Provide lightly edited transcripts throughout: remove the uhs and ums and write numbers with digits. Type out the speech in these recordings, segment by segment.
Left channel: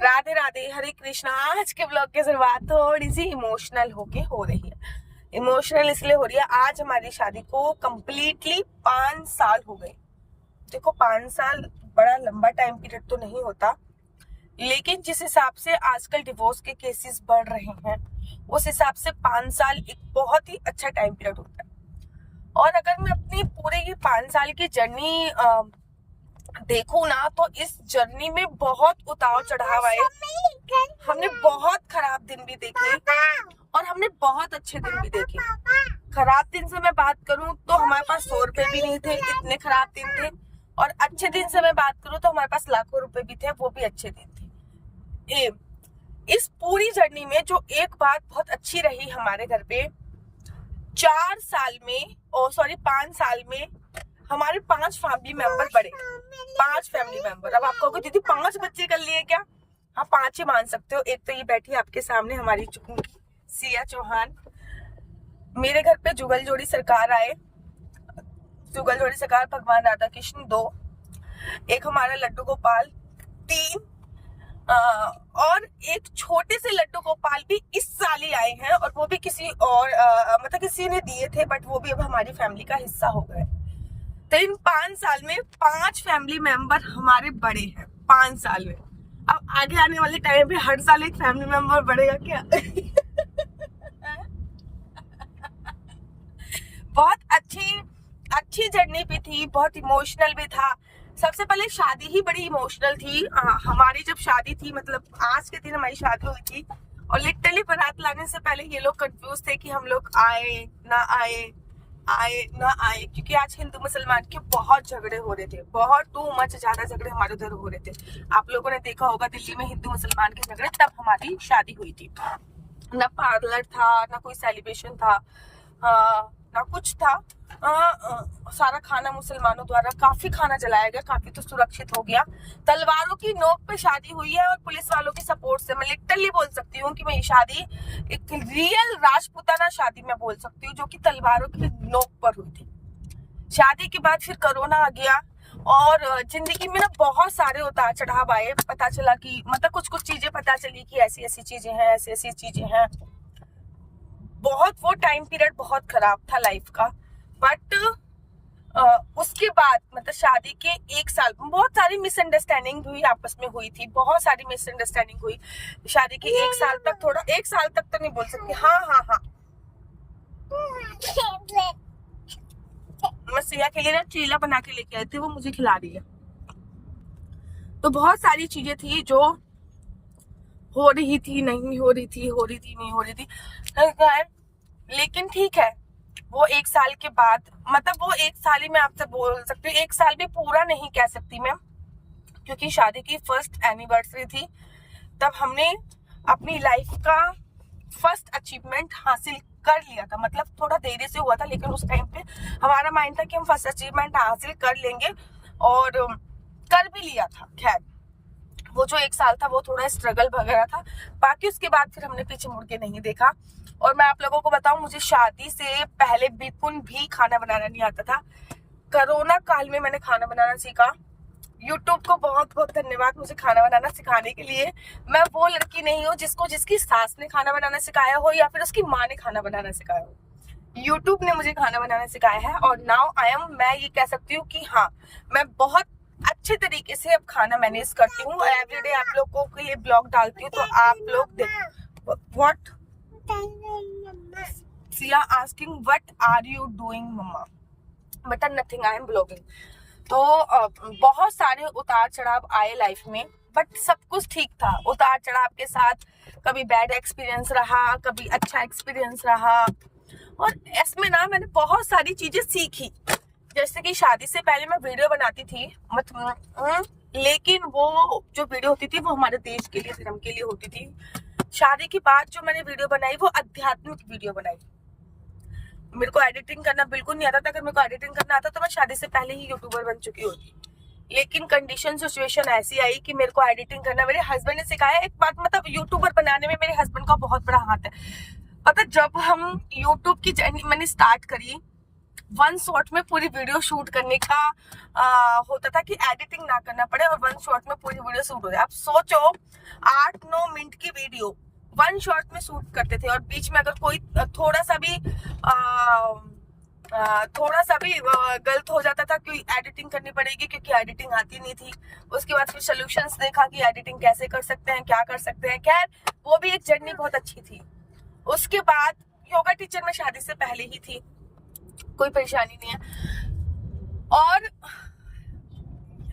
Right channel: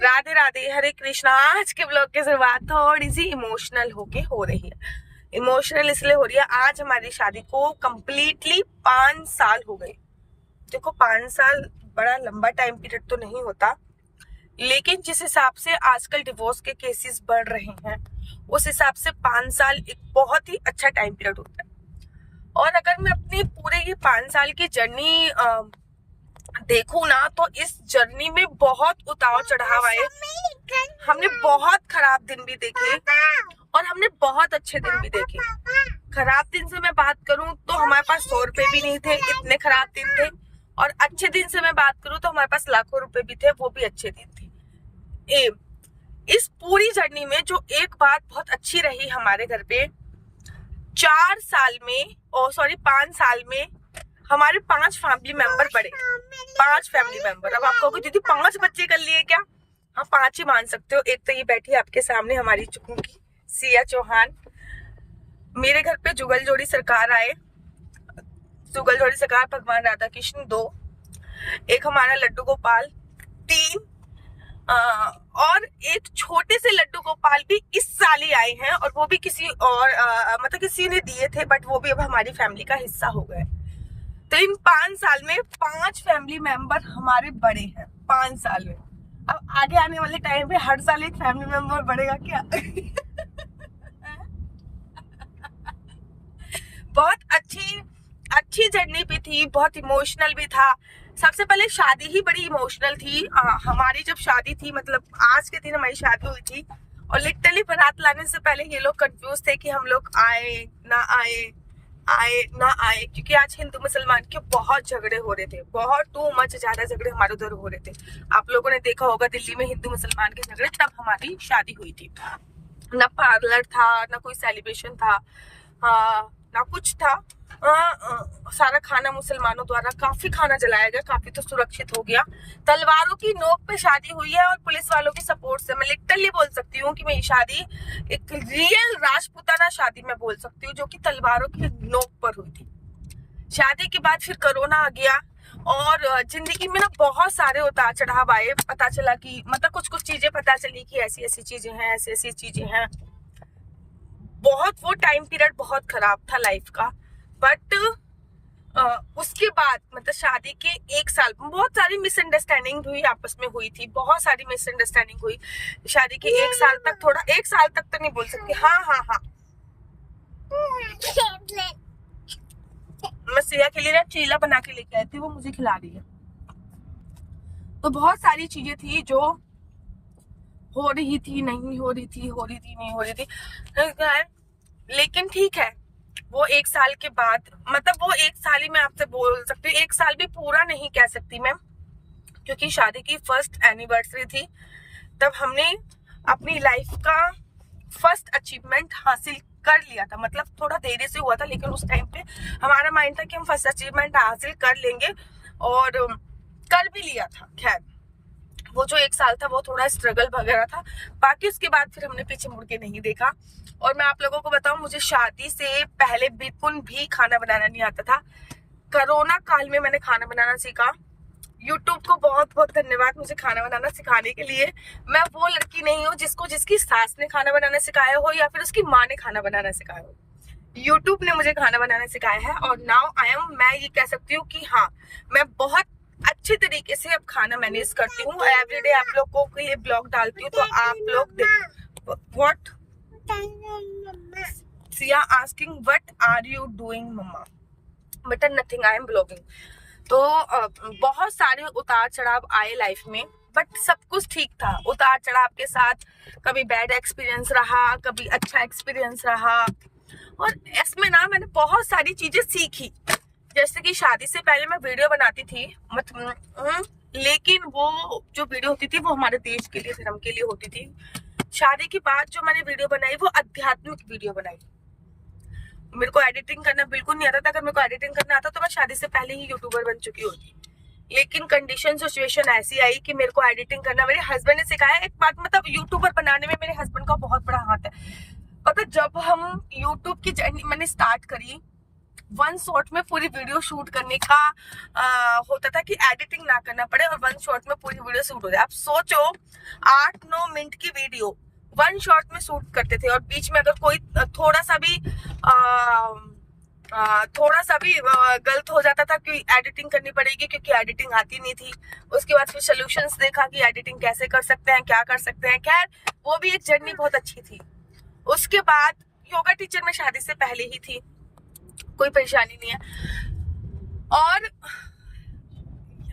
राधे राधे, हरे कृष्णा। आज के ब्लॉग की शुरुआत थोड़ी सी इमोशनल होके हो रही है। इमोशनल इसलिए हो रही है, आज हमारी शादी को कम्प्लीटली 5 साल हो गए। देखो 5 साल बड़ा लंबा टाइम पीरियड तो नहीं होता, लेकिन जिस हिसाब से आजकल डिवोर्स के केसेस बढ़ रहे हैं उस हिसाब से 5 साल एक बहुत ही अच्छा टाइम पीरियड होता है। और अगर मैं अपनी पूरे ये 5 साल की जर्नी देखूं ना, तो इस जर्नी में बहुत उतार चढ़ाव आए। हमने बहुत खराब दिन भी देखे और हमने बहुत अच्छे दिन भी देखे। खराब दिन से मैं बात करूं तो हमारे पास 100 रुपए भी नहीं थे, इतने खराब दिन थे। और अच्छे दिन से मैं बात करूं तो हमारे पास लाखों रुपए भी थे, वो भी अच्छे दिन थे। इस पूरी जर्नी में जो एक बात बहुत अच्छी रही हमारे घर पे, 5 साल में हमारे 5 फैमिली मेंबर बढ़े। 5 फैमिली मेंबर। अब आप कहोगे दीदी 5 बच्चे कर लिए क्या? हाँ, 5 ही मान सकते हो। एक तो ये बैठी आपके सामने हमारी चुंकी सिया चौहान। मेरे घर पे जुगल जोड़ी सरकार आए, जुगल जोड़ी सरकार भगवान राधा कृष्ण 2, एक हमारा लड्डू गोपाल 3, और एक छोटे से लड्डू गोपाल भी इस साल ही आए हैं, और वो भी किसी और मतलब किसी ने दिए थे, बट वो भी अब हमारी फैमिली का हिस्सा हो गए। तो इन 5 साल में 5 फैमिली मेंबर हमारे बड़े हैं। 5 साल में। अब आगे आने वाले टाइम पे हर साल एक फैमिली मेंबर बढ़ेगा क्या? बहुत अच्छी जर्नी भी थी, बहुत इमोशनल भी था। सबसे पहले शादी ही बड़ी इमोशनल थी। हमारी जब शादी थी, मतलब आज के दिन हमारी शादी हुई थी, और लिटरली बारात लाने से पहले ये लोग कंफ्यूज थे कि हम लोग आए ना आए, क्योंकि आज हिंदू मुसलमान के बहुत झगड़े हो रहे थे, बहुत टू मच ज्यादा झगड़े हमारे उधर हो रहे थे। आप लोगों ने देखा होगा दिल्ली में हिंदू मुसलमान के झगड़े, तब हमारी शादी हुई थी। ना पार्लर था, ना कोई सेलिब्रेशन था, ना कुछ था। सारा खाना मुसलमानों द्वारा, काफी खाना जलाया गया, काफी तो सुरक्षित हो गया। तलवारों की नोक पे शादी हुई है, और पुलिस वालों की सपोर्ट से। मैं लिटरली बोल सकती हूँ कि मेरी शादी एक रियल राजपूताना शादी मैं बोल सकती हूँ, जो कि तलवारों की नोक पर हुई थी। शादी के बाद फिर कोरोना आ गया, और जिंदगी में ना बहुत सारे उतार चढ़ाव आए। पता चला कि मतलब कुछ चीजें पता चली कि ऐसी ऐसी चीजें हैं, ऐसी ऐसी चीजें हैं। बहुत वो टाइम पीरियड बहुत खराब था लाइफ का। बट उसके बाद मतलब शादी के 1 साल बहुत सारी मिसअंडरस्टैंडिंग हुई, आपस में हुई थी, बहुत सारी मिसअंडरस्टैंडिंग हुई। शादी के 1 साल तक, थोड़ा 1 साल तक तो नहीं बोल सकती। हाँ, मैं सिया के लिए ना चीला बना के लेके आई थी, वो मुझे खिला रही है। तो बहुत सारी चीजें थी जो हो रही थी, नहीं हो रही थी, हो रही थी, नहीं हो रही थी। लेकिन ठीक है, वो 1 साल के बाद, मतलब वो 1 साल ही मैं आपसे बोल सकती हूँ, 1 साल भी पूरा नहीं कह सकती मैं, क्योंकि शादी की फर्स्ट एनिवर्सरी थी। तब हमने अपनी लाइफ का फर्स्ट अचीवमेंट हासिल कर लिया था। मतलब थोड़ा देरी से हुआ था, लेकिन उस टाइम पे हमारा माइंड था कि हम फर्स्ट अचीवमेंट हासिल कर लेंगे, और कर भी लिया था। खैर, वो जो 1 साल था वो थोड़ा स्ट्रगल वगैरह था। बाकी उसके बाद फिर हमने पीछे मुड़ के नहीं देखा। और मैं आप लोगों को बताऊं, मुझे शादी से पहले बिल्कुल भी खाना बनाना नहीं आता था। कोरोना काल में मैंने खाना बनाना सीखा। यूट्यूब को बहुत बहुत धन्यवाद मुझे खाना बनाना सिखाने के लिए। मैं वो लड़की नहीं हूँ जिसकी सास ने खाना बनाना सिखाया हो, या फिर उसकी माँ ने खाना बनाना सिखाया हो। यूट्यूब ने मुझे खाना बनाना सिखाया है, और नाउ मैं ये कह सकती हूँ कि हाँ, मैं बहुत अच्छे तरीके से अब खाना मैनेज करती हूँ। एवरीडे आप लोगों के लिए ब्लॉग डालती हूँ, तो आप लोग देख। What Siya asking what are you doing mama, बेटा नथिंग, आई एम ब्लॉगिंग। तो बहुत सारे उतार चढ़ाव आए लाइफ में, बट सब कुछ ठीक था। उतार चढ़ाव के साथ कभी बैड एक्सपीरियंस रहा, कभी अच्छा एक्सपीरियंस रहा, और इसमें ना मैंने बहुत सारी चीजें सीखी। जैसे कि शादी से पहले मैं वीडियो बनाती थी, लेकिन वो जो वीडियो होती थी वो हमारे देश के लिए, धर्म के लिए होती थी। शादी के बाद जो मैंने वीडियो बनाई वो आध्यात्मिक वीडियो बनाई। मेरे को एडिटिंग करना बिल्कुल नहीं आता था। अगर मेरे को एडिटिंग करना आता तो मैं शादी से पहले ही यूट्यूबर बन चुकी होती। लेकिन कंडीशन सिचुएशन ऐसी आई कि मेरे को एडिटिंग करना मेरे हस्बैंड ने सिखाया। एक बात, मतलब यूट्यूबर बनाने में मेरे हस्बैंड का बहुत बड़ा हाथ है। पता, जब हम यूट्यूब की जर्नी मैंने स्टार्ट करी, वन शॉट में पूरी वीडियो शूट करने का होता था कि एडिटिंग ना करना पड़े और वन शॉट में पूरी वीडियो शूट हो जाए। अब सोचो 8-9 मिनट की वीडियो वन शॉट में शूट करते थे, और बीच में अगर कोई थोड़ा सा भी गलत हो जाता था कि एडिटिंग करनी पड़ेगी, क्योंकि एडिटिंग आती नहीं थी। उसके बाद फिर सॉल्यूशंस देखा कि एडिटिंग कैसे कर सकते हैं, क्या कर सकते हैं। खैर वो भी एक जर्नी बहुत अच्छी थी। उसके बाद योगा टीचर में शादी से पहले ही थी, कोई परेशानी नहीं है। और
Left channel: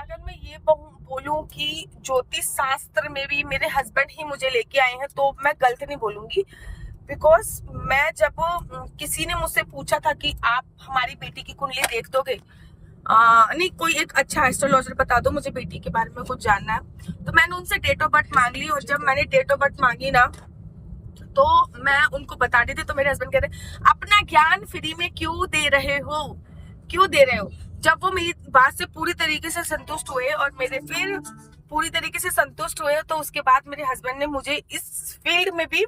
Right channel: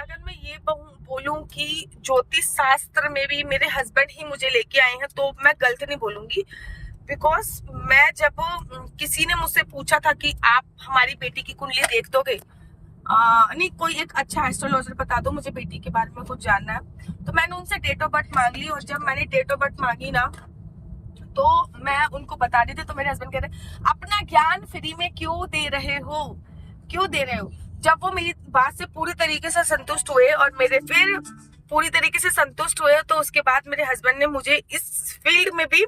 अगर मैं ये बोलूं कि ज्योतिष शास्त्र में भी मेरे हस्बैंड ही मुझे लेके आए हैं, तो मैं गलत नहीं बोलूंगी। बिकॉज मैं जब किसी ने मुझसे पूछा था कि आप हमारी बेटी की कुंडली देख दोगे, नहीं कोई एक अच्छा एस्ट्रोलॉजर बता दो, मुझे बेटी के बारे में कुछ जानना है, तो मैंने उनसे डेट ऑफ बर्थ मांग ली। और जब मैंने डेट ऑफ बर्थ मांगी ना, तो मैं उनको बता दी थी, तो मेरे हस्बैंड कहते अपना ज्ञान फ्री में क्यों दे रहे हो। जब वो मेरी बात से पूरी तरीके से संतुष्ट हुए और मेरे फिर पूरी तरीके से संतुष्ट हुए, तो उसके बाद मेरे हस्बैंड ने मुझे इस फील्ड में भी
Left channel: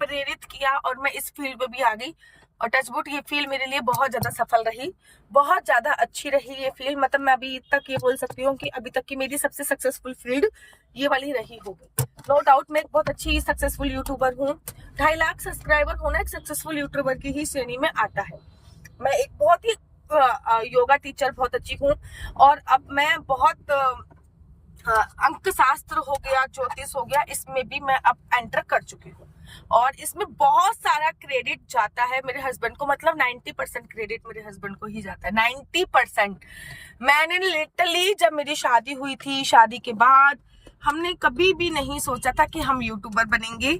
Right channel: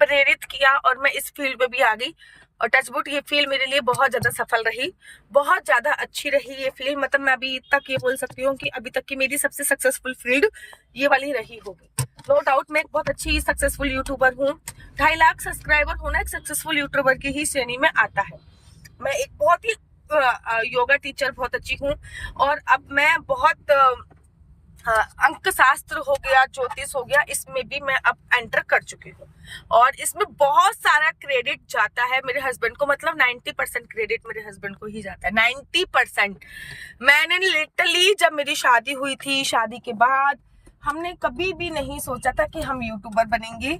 प्रेरित किया और मैं इस फील्ड में भी आ गई। और टचवुड ये फील्ड मेरे लिए बहुत ज्यादा सफल रही, बहुत ज्यादा अच्छी रही ये फील्ड। मतलब मैं अभी तक ये बोल सकती हूँ कि अभी तक की मेरी सबसे सक्सेसफुल फील्ड ये वाली रही होगी। नो डाउट मैं एक बहुत अच्छी सक्सेसफुल यूट्यूबर हूँ। 2.5 लाख सब्सक्राइबर होना एक सक्सेसफुल यूट्यूबर की ही श्रेणी में आता है। मैं एक बहुत ही योगा टीचर बहुत अच्छी हूँ, और अब मैं बहुत अंक शास्त्र हो गया, ज्योतिष हो गया, इसमें भी मैं अब एंटर कर चुकी हूँ। और इसमें बहुत सारा क्रेडिट जाता है मेरे हस्बैंड को, मतलब 90% क्रेडिट मेरे हस्बैंड को ही जाता है। 90%। मैंने लिटरली जब मेरी शादी हुई थी, शादी के बाद हमने कभी भी नहीं सोचा था कि हम यूट्यूबर बनेंगे,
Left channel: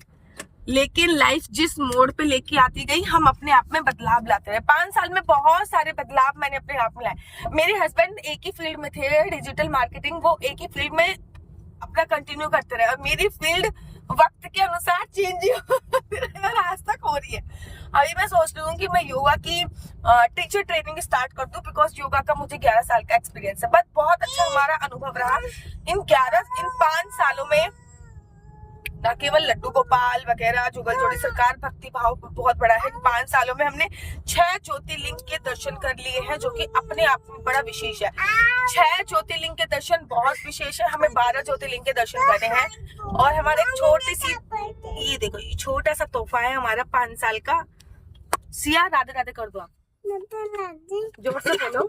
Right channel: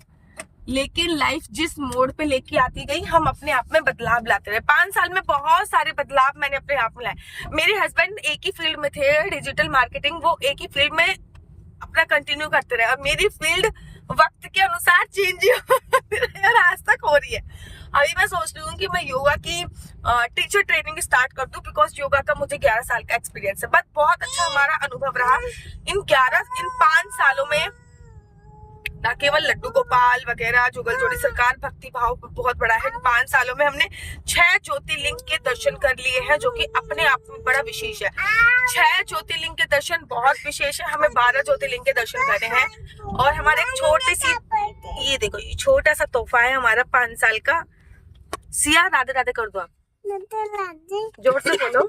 लेकिन लाइफ जिस मोड़ पे लेके आती गई, हम अपने आप में बदलाव लाते रहे। 5 साल में बहुत सारे बदलाव मैंने अपने आप में लाए। मेरे हस्बैंड एक ही फील्ड में थे, डिजिटल मार्केटिंग, वो एक ही फील्ड में अपना कंटिन्यू करते रहे, और मेरी फील्ड वक्त के अनुसार चेंज और आज तक हो रही है। अभी मैं सोच रही हूँ कि मैं योगा की टीचर ट्रेनिंग स्टार्ट कर दूं, बिकॉज योगा का मुझे 11 साल का एक्सपीरियंस है। बट बहुत अच्छा हमारा अनुभव रहा इन 5 सालों में। ना केवल लड्डू गोपाल वगैरह, जुगल जोड़ी सरकार, भक्ति भाव बहुत बड़ा है। इन 5 सालों में हमने 6 ज्योतिर्लिंग के दर्शन कर लिए हैं, जो कि अपने आप में बड़ा विशेष है। 6 ज्योतिर्लिंग के दर्शन बहुत विशेष है। हमें 12 ज्योतिर्लिंग के दर्शन करने हैं। और हमारे एक छोटी सी, ये देखो, ये छोटा सा तोहफा है हमारा 5 साल का। सिया राधे राधे कर दो आप, जोर से बोलो।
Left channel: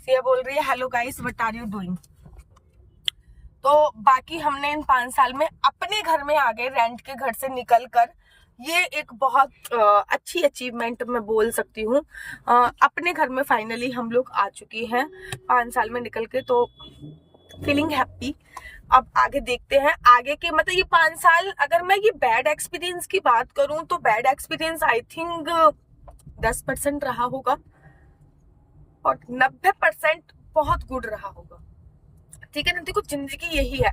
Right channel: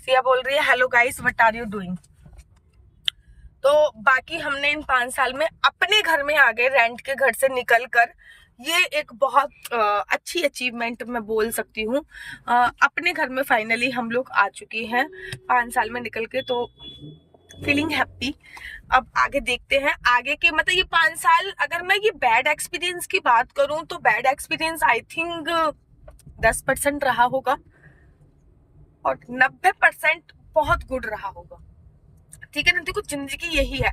सिया बोल रही है hello guys what are you doing. तो बाकी हमने इन 5 साल में अपने घर में आ गए, रेंट के घर से निकल कर। ये एक बहुत अच्छी अचीवमेंट मैं बोल सकती हूँ। अपने घर में फाइनली हम लोग आ चुके हैं 5 साल में निकल के, तो फीलिंग हैप्पी। अब आगे देखते हैं आगे के, मतलब ये 5 साल, अगर मैं ये बैड एक्सपीरियंस की बात करूं तो बैड एक्सपीरियंस आई थिंक 10% रहा होगा, और 90% बहुत गुड रहा होगा। ठीक है ना, देखो जिंदगी यही है,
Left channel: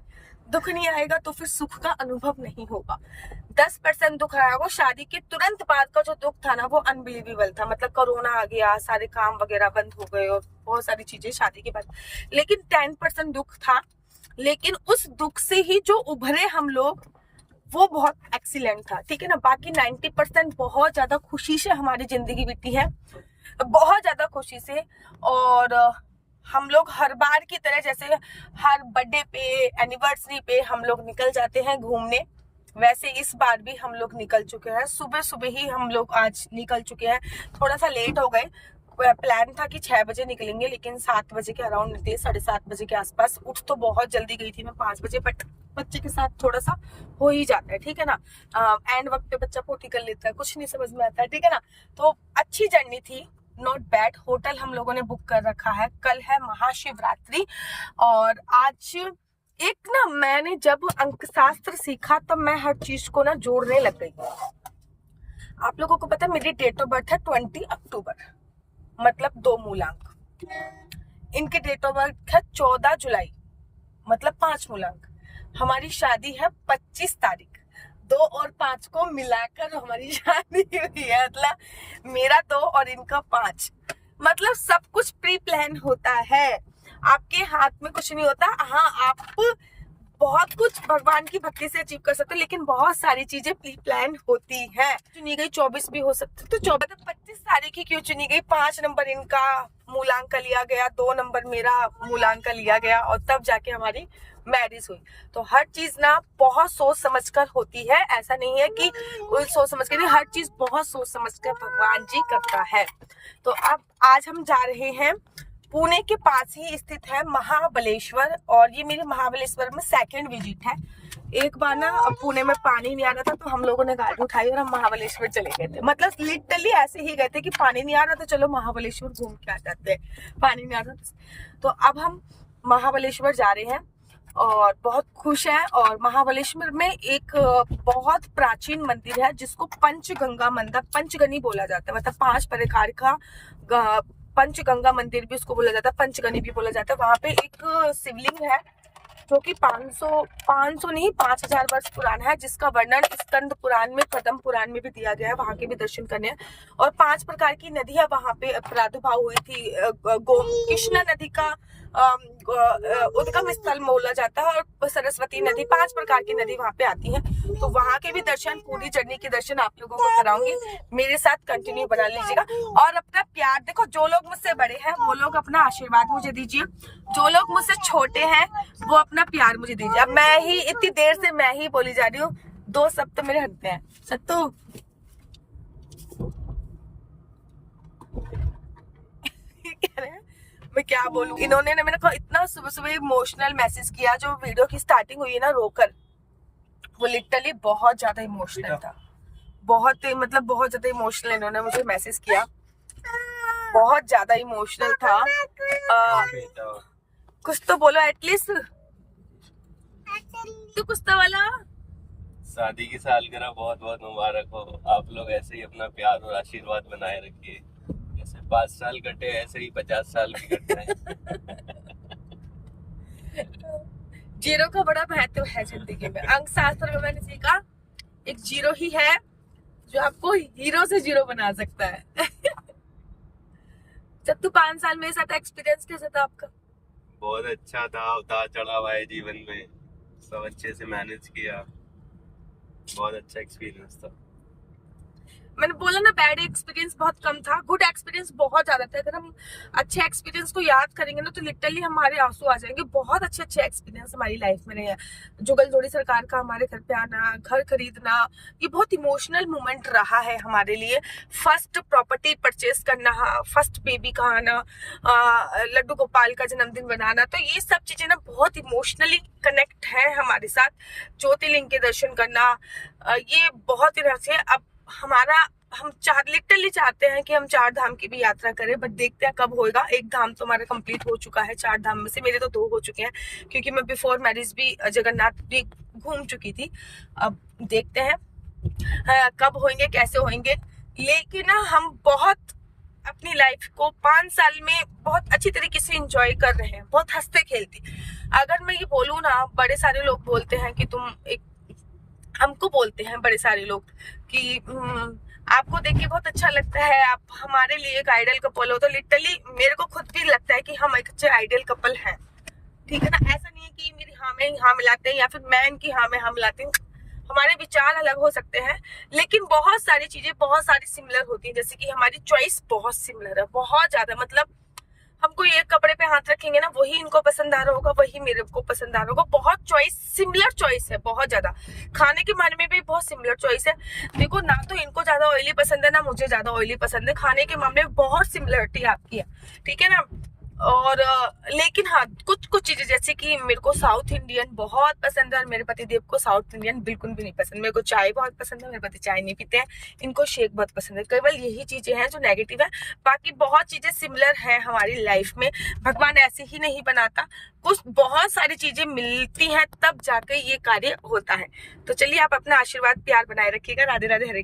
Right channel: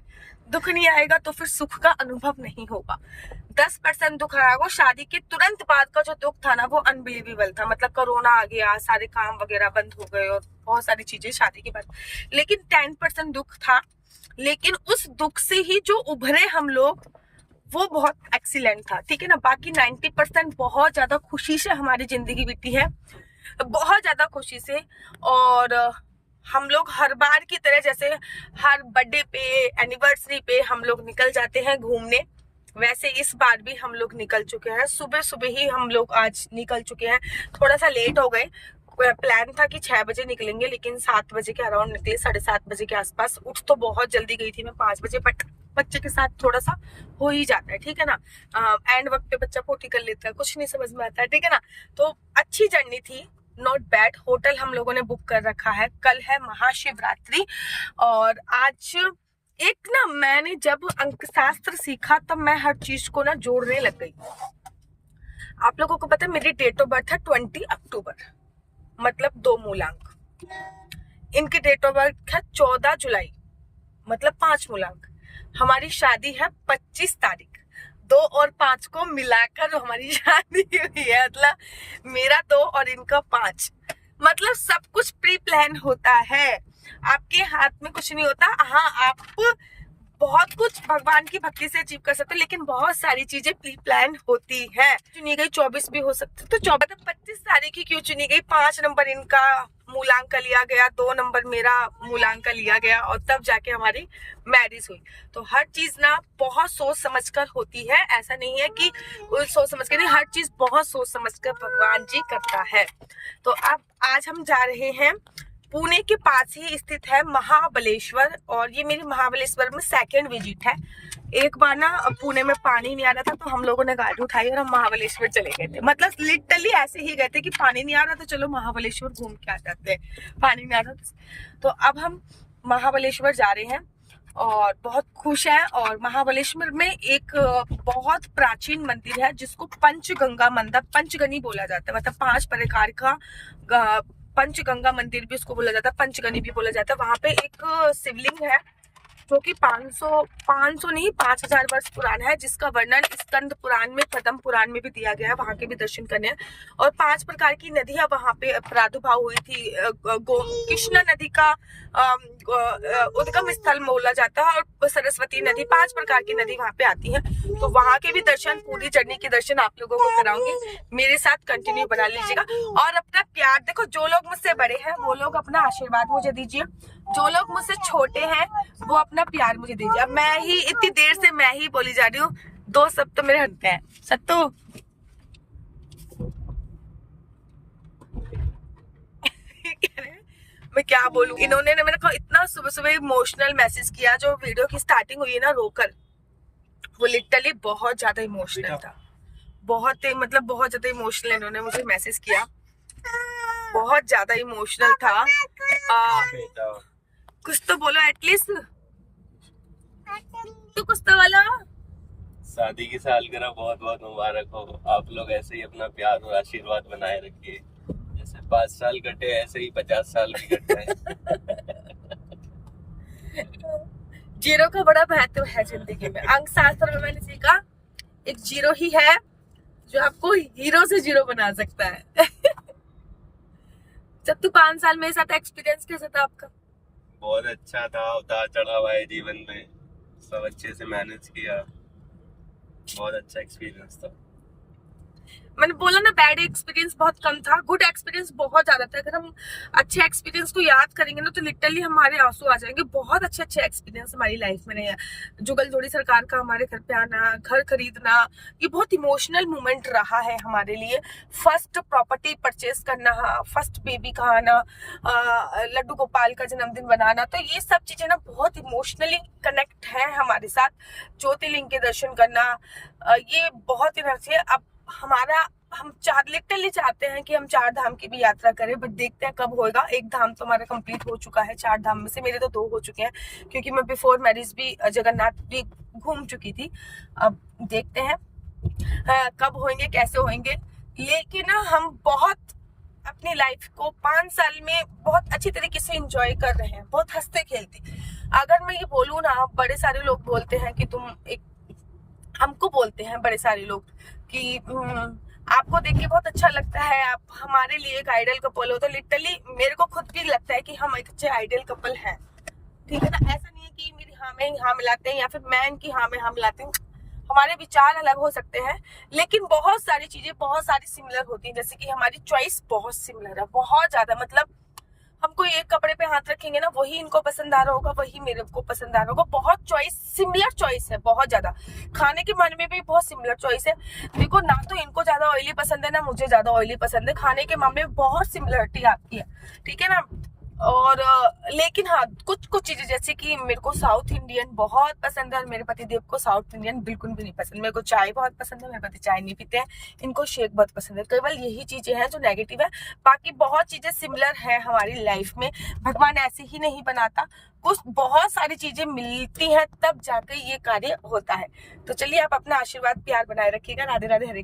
दुख नहीं आएगा तो फिर सुख का अनुभव नहीं होगा। 10% दुख रहा होगा। शादी के तुरंत बाद का जो दुख था ना, वो अनबिलीवेबल था। मतलब कोरोना आ गया, सारे काम वगैरह बंद हो गए और बहुत सारी चीजें शादी के बाद। लेकिन 10% दुख था, लेकिन उस दुख से ही जो उभरे हम लोग, वो बहुत एक्सीलेंट था। ठीक है ना, बाकी 90% बहुत ज्यादा खुशी से हमारी जिंदगी बीती है, बहुत ज्यादा खुशी से। और हम लोग हर बार की तरह, जैसे हर बर्थडे पे, एनिवर्सरी पे हम लोग निकल जाते हैं घूमने, वैसे इस बार भी हम लोग निकल चुके हैं। सुबह सुबह ही हम लोग आज निकल चुके हैं। थोड़ा सा लेट हो गए, प्लान था कि 6 बजे निकलेंगे, लेकिन 7 बजे के अराउंड निकले, 7:30 बजे के आसपास। उठ तो बहुत जल्दी गई थी मैं 5 बजे, बट बच्चे के साथ थोड़ा सा हो ही जाता है। ठीक है ना, एंड वक्त पे बच्चा पोटी कर लेता है, कुछ नहीं समझ में आता है। ठीक है ना, तो अच्छी जर्नी थी, नॉट बैड। होटल हम लोगों ने बुक कर रखा है। कल है महाशिवरात्रि, और आज एक ना, मैंने जब अंकशास्त्र सीखा तब मैं हर चीज को ना जोड़ने लग गई। आप लोगों को पता है मेरी डेट ऑफ बर्थ है 20 अक्टूबर, मतलब 2 मूलांक। इनकी डेट ऑफ बर्थ है 14 जुलाई, मतलब 5 मूलांक। हमारी शादी है 25 तारीख। 2 और 5 को मिलाकर हमारी शादी हुई है, मतलब मेरा 2 और इनका 5। मतलब सब कुछ प्री प्लान होता है, आपके हाथ में कुछ नहीं होता। हाँ, आप बहुत कुछ भगवान की भक्ति से अचीव कर सकते हो, लेकिन बहुत सारी चीजें प्री प्लान होती है। चुनी गई 24 भी हो सकती, तो 25 तारीख की क्यों चुनी गई? 5 नंबर इनका मूलांक लिया गया, 2 नंबर मेरा मूलांक लिया गया, और तब जाके हमारी मैरिज हुई। तो हर चीज ना बहुत सोच समझ कर होती है, ऐसा नहीं है कि सोच समझ कर नहीं, हर चीज बहुत सोच समझ कर भगवान जी करता है। तो अब आज हम जा रहे हैं, पुणे के पास ही स्थित है महाबलेश्वर, और ये मेरी महाबलेश्वर में सेकंड विजिट है। एक बार ना पुणे में पानी नहीं आ रहा था, तो हम लोगों ने गाड़ी उठाई और हम महाबलेश्वर चले गए थे। मतलब लिटरली ऐसे ही गए थे कि पानी नहीं आ रहा था, चलो महाबलेश्वर घूम के आ जाते हैं, पानी नहीं आ रहा था। तो अब हम महाबलेश्वर जा रहे हैं और बहुत खुश हैं। और महाबलेश्वर में एक बहुत प्राचीन मंदिर है जिसको पंचगंगा मंदिर, पंचगनी बोला जाता है, मतलब 5 प्रकार का पंचगंगा मंदिर भी उसको बोला जाता है, पंचगनी भी बोला जाता है। वहां पे एक शिवलिंग है जो कि 500 नहीं 5000 वर्ष पुराना है, जिसका वर्णन स्कंद पुराण में, पद्म पुराण में भी दिया गया है। वहां के भी दर्शन करने हैं। और 5 प्रकार की नदियां वहां पे प्रादुर्भाव हुई थी। कृष्णा नदी का उद्गम स्थल बोला जाता है, और सरस्वती नदी, 5 प्रकार की नदी वहां पे आती है। तो वहां के भी दर्शन, पूरी जर्नी के दर्शन आप लोगों को कराऊंगी, मेरे साथ कंटिन्यू बना लीजिएगा। और अपना प्यार देखो, जो लोग मुझसे बड़े हैं वो लोग अपना आशीर्वाद मुझे दीजिए, जो लोग मुझसे छोटे हैं वो अपना प्यार मुझे दीजिए। अब मैं ही इतनी देर से मैं ही बोली जा रही हूँ, 2 सब तो मेरे हटते हैं। सत्तू मैं क्या बोलूं, इन्होंने ना मेरे को इतना सुबह सुबह इमोशनल मैसेज किया। जो वीडियो की स्टार्टिंग हुई है ना रोकर, वो लिटरली बहुत ज्यादा इमोशनल था, बहुत मतलब बहुत ज्यादा इमोशनल इन्होंने मुझे मैसेज किया, बहुत ज्यादा इमोशनल था। कुछ तो बोलो एटलीस्ट, तो कुछ तो बोलो। शादी की सालगिरह बहुत बहुत मुबारक हो। आप लोग ऐसे ही अपना प्यार और आशीर्वाद बनाए रखिए। जैसे 5 साल कटे ऐसे ही 50 साल भी कट जाए। जीरो का बड़ा महत्व है जिंदगी में। अंक शास्त्र में मैंने सीखा, एक जीरो ही है जो आपको हीरो से जीरो बना सकता है। जब तू 5 साल मेरे साथ, एक्सपीरियंस कैसा था आपका? बहुत अच्छा था, उतार चढ़ाव आए जीवन में, सब अच्छे से मैनेज किया, बहुत अच्छा एक्सपीरियंस था। मैंने बोला ना, बैड एक्सपीरियंस बहुत कम था, गुड एक्सपीरियंस बहुत ज्यादा था। अगर हम अच्छे एक्सपीरियंस को याद करेंगे ना तो लिटरली हमारे आंसू आ जाएंगे। बहुत अच्छे एक्सपीरियंस हमारी लाइफ में रहे हैं। जुगलजोड़ी सरकार का हमारे घर पे आना, घर खरीदना, ये बहुत इमोशनल मोमेंट रहा है हमारे लिए। फर्स्ट प्रॉपर्टी परचेज करना, फर्स्ट बेबी का आना, लड्डू गोपाल का जन्मदिन बनाना, तो ये सब चीजें ना बहुत इमोशनली कनेक्ट है हमारे साथ। ज्योतिर्लिंग के दर्शन करना, ये बहुत ही अच्छे। अब हम लिटरली चाहते हैं कि हम 4 धाम की भी यात्रा करें, बट देखते हैं कब होएगा। 1 धाम तो हमारा कंप्लीट हो चुका है, 4 धाम में से मेरे तो 2 हो चुके हैं, क्योंकि मैं बिफोर मैरिज भी जगन्नाथ भी घूम चुकी थी। अब देखते हैं कब होंगे, कैसे होंगे। लेकिन ना हम बहुत अपनी लाइफ को 5 साल में बहुत अच्छी तरीके से एंजॉय कर रहे हैं, बहुत हंसते खेलती। अगर मैं ये बोलूँ ना, बड़े सारे लोग बोलते हैं कि हमको बोलते हैं बड़े सारे लोग कि आपको देख के बहुत अच्छा लगता है, आप हमारे लिए एक आइडल कपल हो। तो लिटरली मेरे को खुद भी लगता है कि हम एक अच्छे आइडल कपल हैं, ठीक है ना। ऐसा नहीं है कि मेरी हाँ में हाँ मिलाते हैं या फिर मैं इनकी हाँ में हाँ मिलाती हूँ। हमारे विचार अलग हो सकते हैं, लेकिन बहुत सारी चीजें बहुत सारी सिमिलर होती हैं। जैसे कि हमारी चॉइस बहुत सिमिलर है, बहुत ज्यादा। मतलब हमको एक कपड़े पे हाथ रखेंगे ना, वही इनको पसंद आ रहा होगा, वही मेरे को पसंद आ रहा होगा। बहुत सिमिलर चॉइस है, बहुत ज्यादा। खाने के मामले में भी बहुत सिमिलर चॉइस है। देखो ना, तो इनको ज्यादा ऑयली पसंद है ना मुझे ज्यादा ऑयली पसंद है। खाने के मामले में बहुत सिमिलरिटी आपकी है, ठीक है ना। और लेकिन हाँ, कुछ चीजें जैसे कि मेरे को साउथ इंडियन बहुत पसंद है और मेरे पति देव को साउथ इंडियन बिल्कुल भी नहीं पसंद। मेरे को चाय बहुत पसंद है, मेरे पति चाय नहीं पीते हैं, इनको शेक बहुत पसंद है। केवल यही चीजें हैं जो नेगेटिव है, बाकी बहुत चीजें सिमिलर है हमारी लाइफ में। भगवान ऐसे ही नहीं बनाता, कुछ बहुत सारी चीजें मिलती हैं तब जाकर ये कार्य होता है। तो चलिए, आप अपना आशीर्वाद प्यार बनाए रखिएगा। राधे राधे, हरे